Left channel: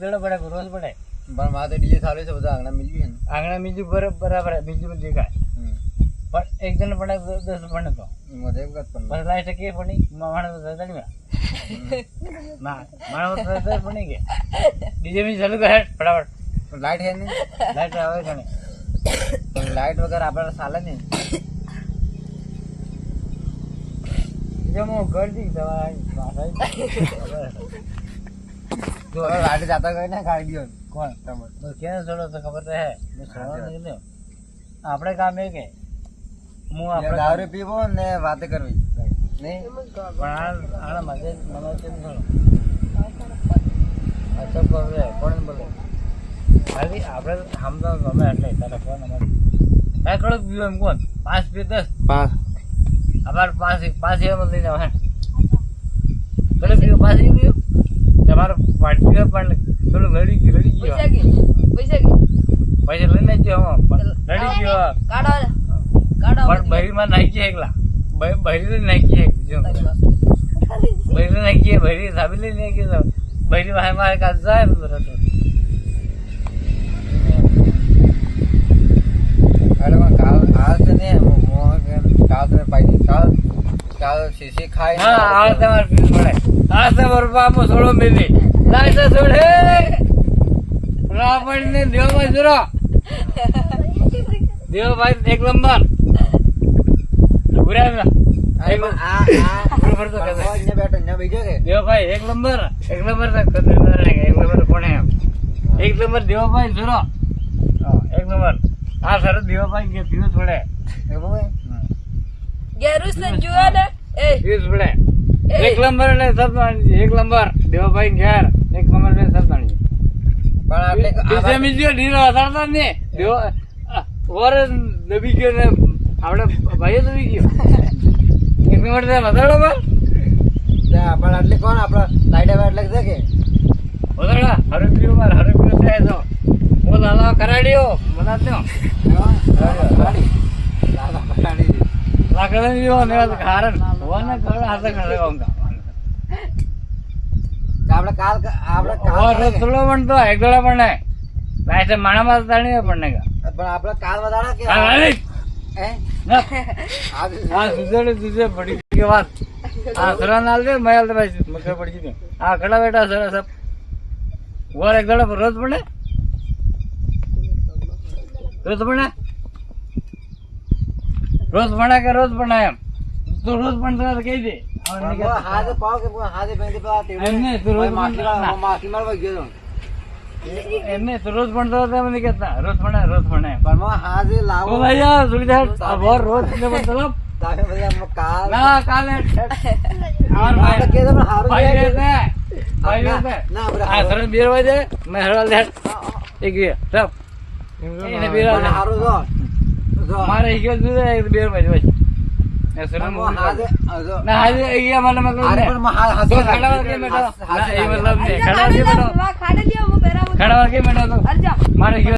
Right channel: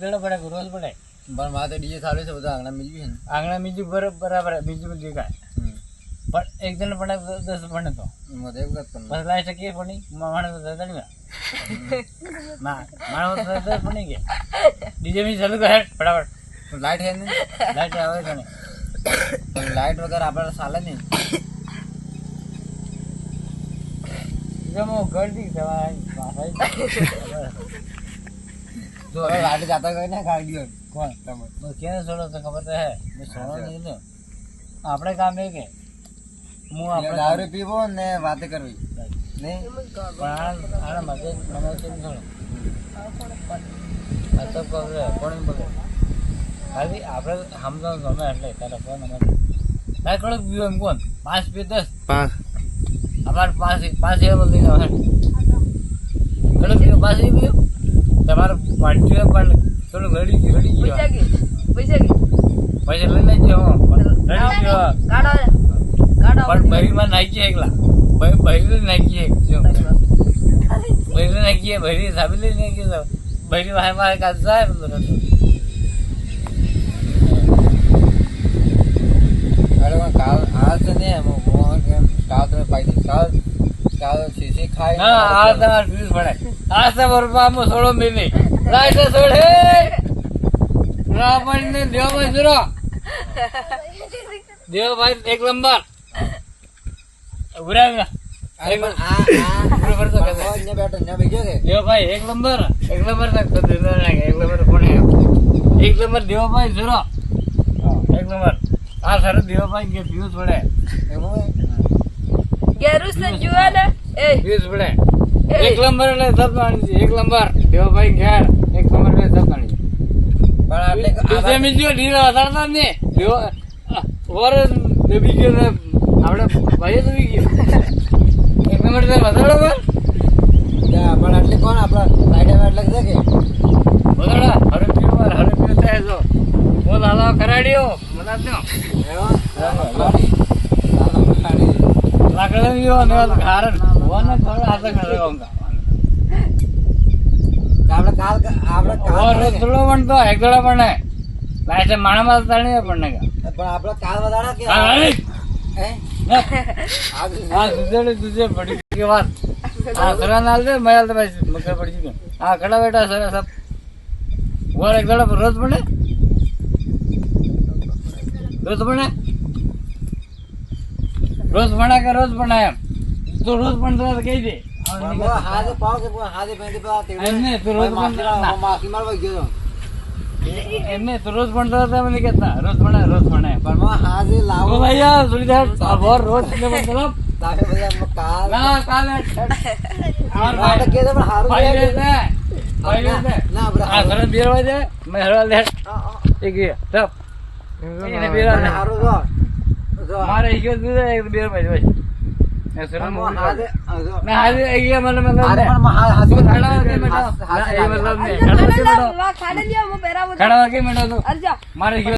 દડો પડે રોજ પડે પણ મારે ડીજે ચાલુ છે બધા આંગણા મિલ્યું છે ને આંગણા બીજું બરાબર બીજું બધું દેખાય પણ એક જણ પડે 10 પડે તો મધે વખત પણ બસ લાઈટ કે પડી માણસ દડવા ના માણસ તો પડી કે ડીજે મી ચાલુ કર ફટાફટ લાઈટ હે ને લાઈટ આવે કને પણ લાઈટ વગર આપણે ચાલે નહીં જમો ગળદી દવાઈ પાસાઈ જો લાઈટ જાતા ગઈ ને ગાડી ગયો કોણ તમે બસ ક્યાં છોડો તો ખબર તો હે મેં છોડો નહીં ને આપણે કામ એ કે હું આપણે દારૂ પીવો ને વાત કરવી નહીં પણ આના મજે મને તો નહીં છોડો આ તો બોલે કોણ બોલે ખાલી આપણે સમજાવ ગમે એટલે તારે ફોન અમારે તારે કડક પીવો એમ કોણ 5 પી 10 5 અમારે 5 એમ લઈને આવે કડક પીવો 5 પીવો તમારો પાર્ટી પણ થોડું રડી ગયો પૈસા લઈને જ રડી ગયો પણ બહેરીમાં નાખીએ એકલા બહેરી નાખીએ જો બહેરી નાખીએ બહેરી સાબી લઈ નાખીએ બહેરી મારે કાચ જાય અરે કાલ આ છે ને કાલ તમે પાઈ કાલ શીશી ખાઈ હા આ તમારે ફીસ પડે આ તમારે બાપો છોડો મેલી લાઈટ છોડે રાવણ ને દેવભાઈ જરો દેવભાઈ એક નંબર ઉભરા એક દેવભાઈ એક નંબર કોને એક નંબર દેવભાઈ જરો એક નંબર આ સરસ દેવભાઈ કે ફ્યુઝ પડે ફ્યુઝ પડે એક નંબર એટલે સબ જાણી એક નંબર દેવભાઈ ઘેર એક નંબર એટલે સબ જાણી ઢીલો વધારતા ને ઓર દબી ગયો ને આપણે ભાઈ દબી ગયો એક નંબર વધારો પર પણ આટલી કોણ આપડા લાઈટ એટલે છે કે વધારા હરપ્યો થાય તો ઓ લાલા કરાડ્યો બનાવ્યો લાકડા ગયો ને કારણ હોવાને થોડા હાથ ખડે આપણે કાલ રોજ થોડો પણ તો એક દોડા પણ નહીં લાઈટ માણામાં તાણી પણ નહીં પણ આપણે કાલ વધારા કે હે હા દૂધે પડી ગઈ વાત હા ખરા નાલ દે મયાલ તો ભાઈ મકે પડી ગઈ હા ખડા બેટા સરસ ઓર એક દોડા રોજ પડે રોજ ભણા કે રોજ ભણા એમ તું રોજ પણ કહી દે હાથે પાવ કે હાથે બેંધી પા એમને તું રોજ માખી મારવા ગયો એમને તું રોજ ભણતો હતા મને કેતા રોજ ભણે પણ હાથે લાવો ભાઈ યાર સુવિધા બોર રોજ ને બોલતો તાકે ભાઈ કાલ ના કાલે આર ભાઈ કે તો હારું ભાઈ રે ભાઈ રે ના બરા આ ઘરે બેર વાજે મે હરલ દે એક તપ એને બેરા હારું જો મારે ગયો દે બેર વાજે એ સરમ હાથે ના હાજે અહીંયા મને મતલબ અરે પણ હાથે ખડાવા કે મેડો એ મતલબ ને ખડાવા કે મેડો ખડાવા કે મેડો મારે ગયો